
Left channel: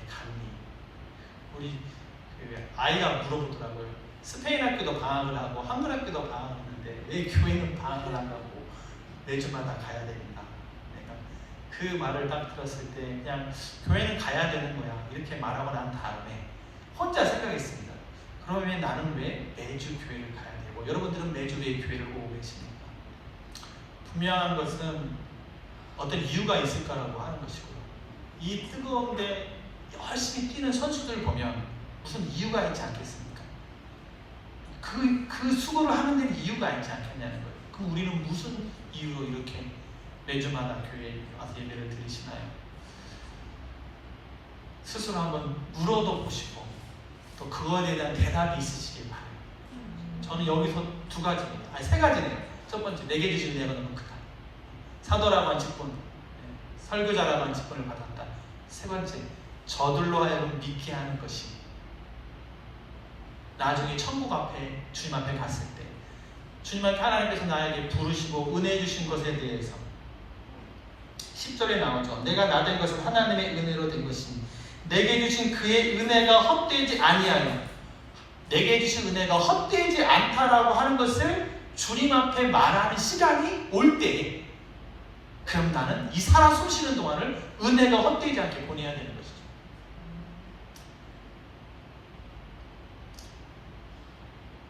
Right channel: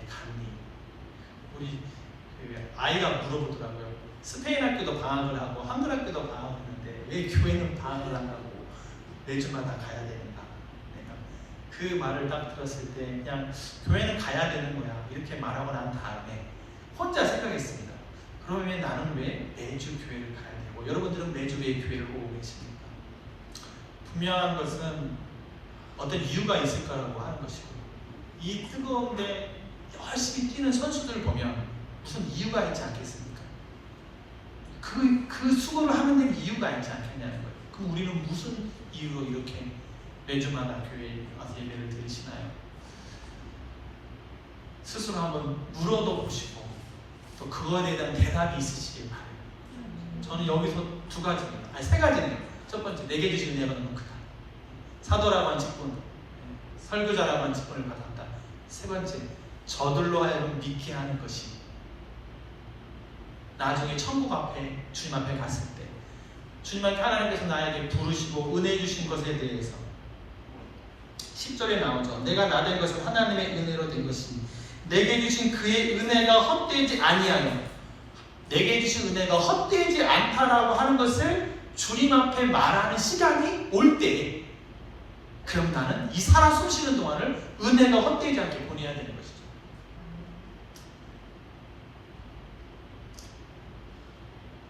갔니? 우리 아이가 물어보더라고요. 스페인 학교도 방학을 하고 한글 학교도 방학을 했는데 왜 교회는 방학을 안 하고 매주마다 가야 되는가? 내가 그 말을 딱 들었을 때 그냥 교회는 가야 되는 거야 이렇게 말하고 난 다음에 혼자 생각했습니다. 그러면 나는 왜 매주 교회를 가야 되고 여러분들은 매주 왜 교회를 보고 계십니까? 분명한 것은 어떤 이유가 있을 거라고 하는 것이고 이 뜨거운데 열심히 뛰는 선수들 보면 무슨 이유가 있지 않겠습니까? 그 수고를 하는 데는 이유가 있지 않겠냐는 거예요. 그럼 우리는 무슨 이유로 이렇게 매주마다 교회에 와서 예배를 드리시나요? 스스로 한번 물어도 보시고 또 그거에 대한 대답이 있으시길 바라요. 저는 여기서 두 가지입니다. 아니 세 가지네요. 첫 번째, 내게 주신 은혜가 너무 크다. 사도라고 한 직분, 설교자라고 한 직분을 받았다. 세 번째, 저들로 하여금 믿게 하는 것이 나중에 천국 앞에 주님 앞에 갔을 때 주님께 하나님께서 나에게 부르시고 은혜 주신 것에 대해서 10절에 나오죠. 내가 나 된 것은 하나님의 은혜로 된 것이니 내게 주신 그의 은혜가 헛되지 아니하며 내게 주신 은혜가 헛되지 않다라고 하는 것을 주님 앞에 말하는 시간이 올 때에 그럼 나는 이 살아 숨쉬는 동안을 은혜가 헛되지 않게 보내야 되는 것이죠.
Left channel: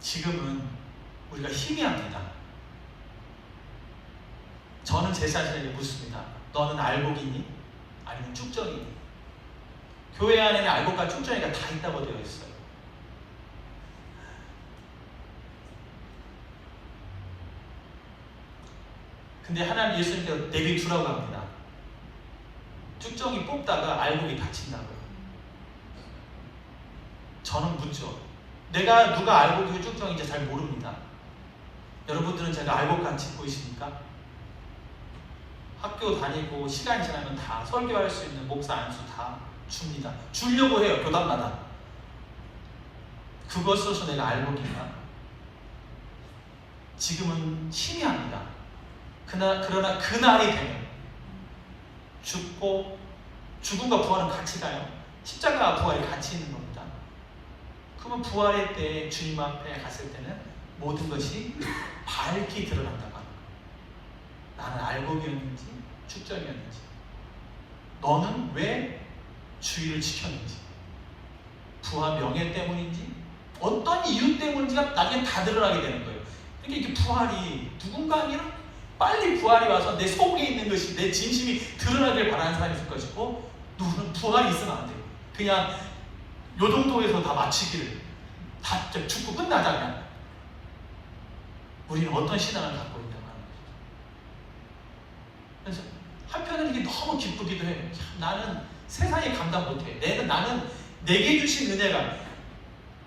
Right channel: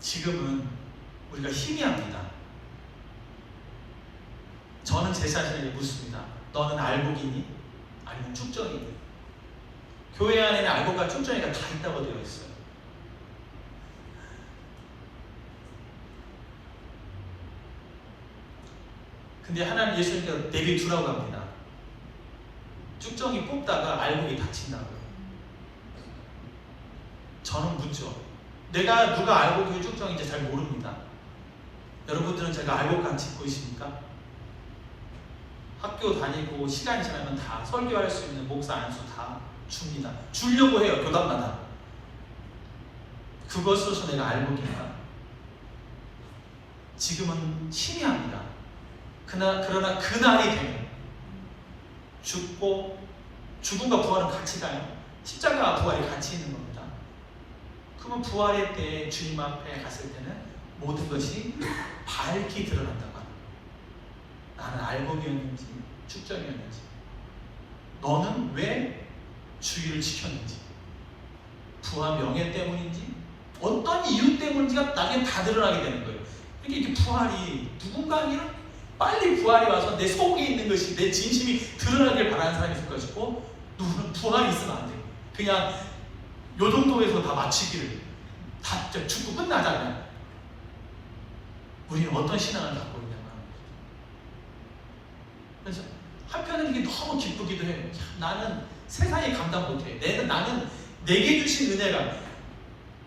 지금은 우리가 희귀합니다. 저는 제 자신에게 묻습니다. 너는 알곡이니? 아니면 쭉정이니? 교회 안에는 알곡과 쭉정이가 다 있다고 되어 있어요. 근데 하나님 예수님께서 내게 주라고 합니다. 쭉정이 뽑다가 알곡이 다친다고요. 저는 묻죠. 내가 누가 알곡이고 쭉정인지 잘 모릅니다. 여러분들은 제가 알곡같이 보이십니까? 학교 다니고 시간이 지나면 다 설교할 수 있는 목사 안수 다 줍니다. 주려고 해요. 교단마다. 그것으로서 내가 알곡인가? 지금은 희미합니다. 그러나 그날이 되면 죽음과 부활은 같이 가요. 십자가와 부활이 같이 있는 겁니다. 그러면 부활의 때 주님 앞에 갔을 때는 모든 것이 밝게 드러난다가 나는 알곡이었는지 축정이었는지 너는 왜 주의를 지켰는지 부와 명예 때문인지 어떤 이유 때문인지가 나중에 다 드러나게 되는 거예요. 그러니까 이게 부활이 누군가는 빨리 부활이 와서 내 속에 있는 것이 내 진심이 드러나길 바라는 사람이 있을 것이고 누구는 부활이 있으면 안 돼요. 그냥 요 정도에서 다 마치기를 다 죽고 끝나잖아요. 우리는 어떤 신앙을 갖고 있냐고 하는 거죠. 그래서 한편은 이게 너무 기쁘기도 해요. 나는 세상에 감당 못해. 나는 내게 주신 은혜가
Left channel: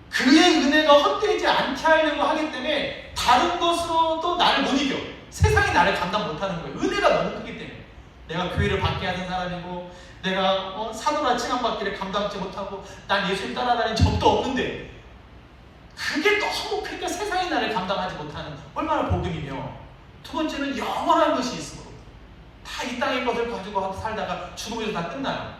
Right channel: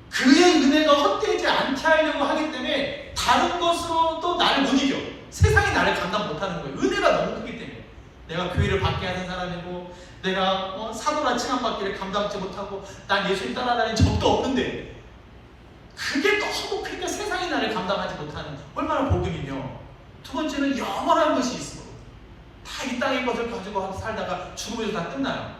그의 은혜가 헛되지 않게 하려고 하기 때문에 다른 것으로도 나를 못 이겨. 세상이 나를 감당 못하는 거예요. 은혜가 너무 크기 때문에. 내가 교회를 받게 하는 사람이고 내가 사도나 칭함받기를 감당하지 못하고 난 예수님 따라다니는 적도 없는데 그게 너무 크니까 세상이 나를 감당하지 못하는 얼마나 복음이며 두 번째는 영원한 것이 있어. 다 이 땅의 것을 가지고 살다가 죽음에서 다 끝나요.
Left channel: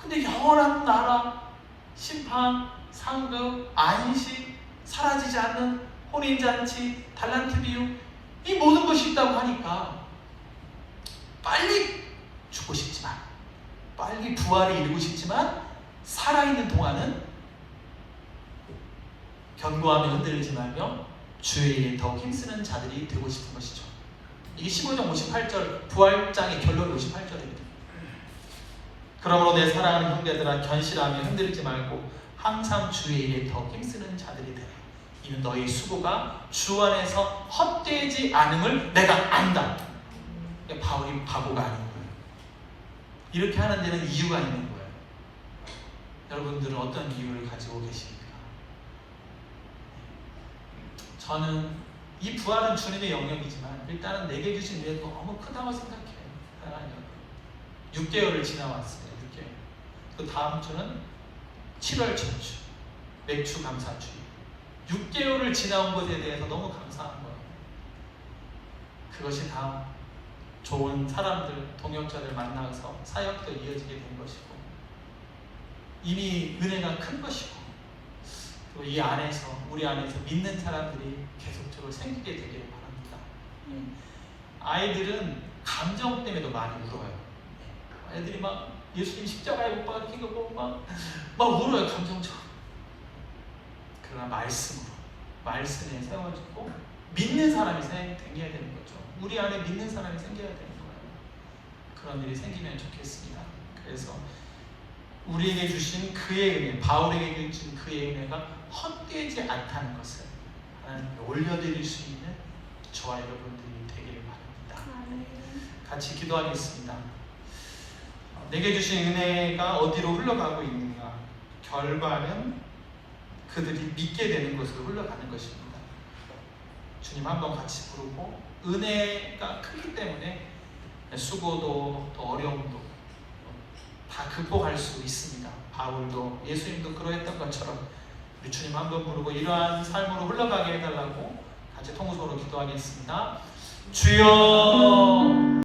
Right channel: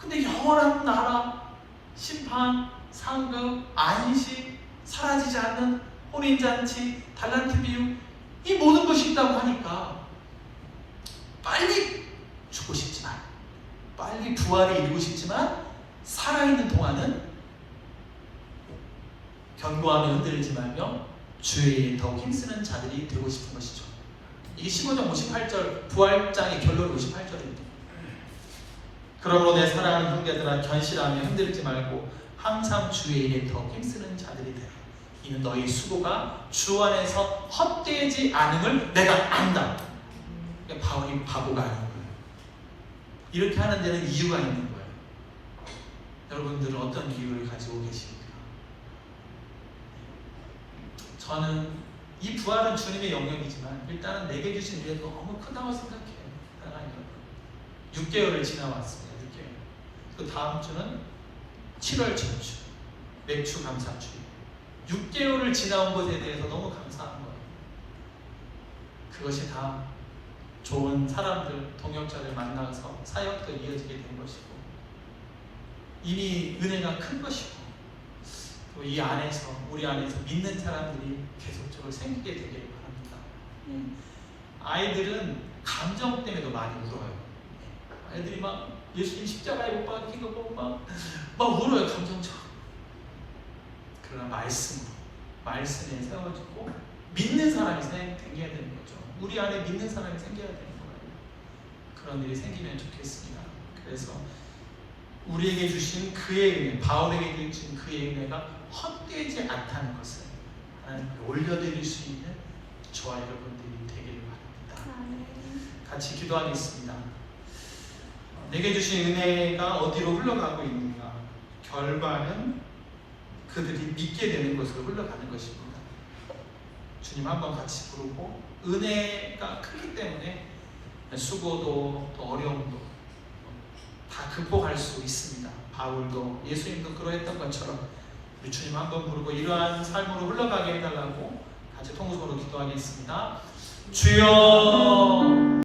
근데 영원한 나라, 심판, 상급, 안식, 사라지지 않는 혼인잔치, 달란트 비유, 이 모든 것이 있다고 하니까 빨리 죽고 싶지만, 빨리 부활에 이르고 싶지만, 살아있는 동안은 견고하며 흔들리지 말며 주의 일에 더 힘쓰는 자들이 되고 싶은 것이죠. 이게 15장 58절 부활장의 결론이 58절입니다. 그러므로 내 사랑하는 형제들아 견실하며 흔들리지 말고 항상 주의 일에 더 힘쓰는 자들이 되라. 이는 너희 수고가 주 안에서 헛되지 않음을 내가 안다. 바울이 바보가 아닌 거예요. 이렇게 하는 데는 이유가 있는 거예요. 여러분들은 어떤 이유를 가지고 계십니까? 저는 이 부활은 주님의 영역이지만 일단은 내게 주신 은혜가 너무 크다고 생각해요. 6개월을 지나왔습니다. 6개월. 그 다음 주는 7월 첫주, 맥주 감사주. 6개월을 지나온 것에 대해서 너무 감사한 거예요. 그것이 다 좋은 사람들, 동역자를 만나서 사역도 이어지게 된 것이고 이미 은혜가 큰 것이고 이 안에서 우리 안에서 믿는 사람들이 계속적으로 생기게 되기를 바랍니다. 아이들은 감정 때문에도 많이 울어요. 아이들이 막 예수님 십자가에 못 박히고 막 울어요. 감정처럼. 그러나 말씀에 세워지고 믿는 사람이 생겨야 되는 거죠. 우리 안에 믿는 사람이 생겨야 되는 거예요. 그런 일이 생기면 좋겠습니다. 그래서 우리에게 주신 그의 은혜, 바울에게 주신 그의 은혜가 헛되지 않다는 것을 하나님께 올려드릴 수 있는 저와 여러분들이 되기를 바랍니다. 같이 기도하겠습니다. 내게 주신 은혜가 어디로 흘러가고 있는가? 결과는 그들이 믿게 되는 것으로 흘러가는 것입니다. 주님 한번 같이 부르고 은혜가 크기 때문에 수고도 또 어려움도 다 극복할 수 있습니다. 바울도 예수님도 그러했던 것처럼 우리 주님 한번 부르고 이러한 삶으로 흘러가게 해달라고 같이 통성으로 기도하겠습니다. 주여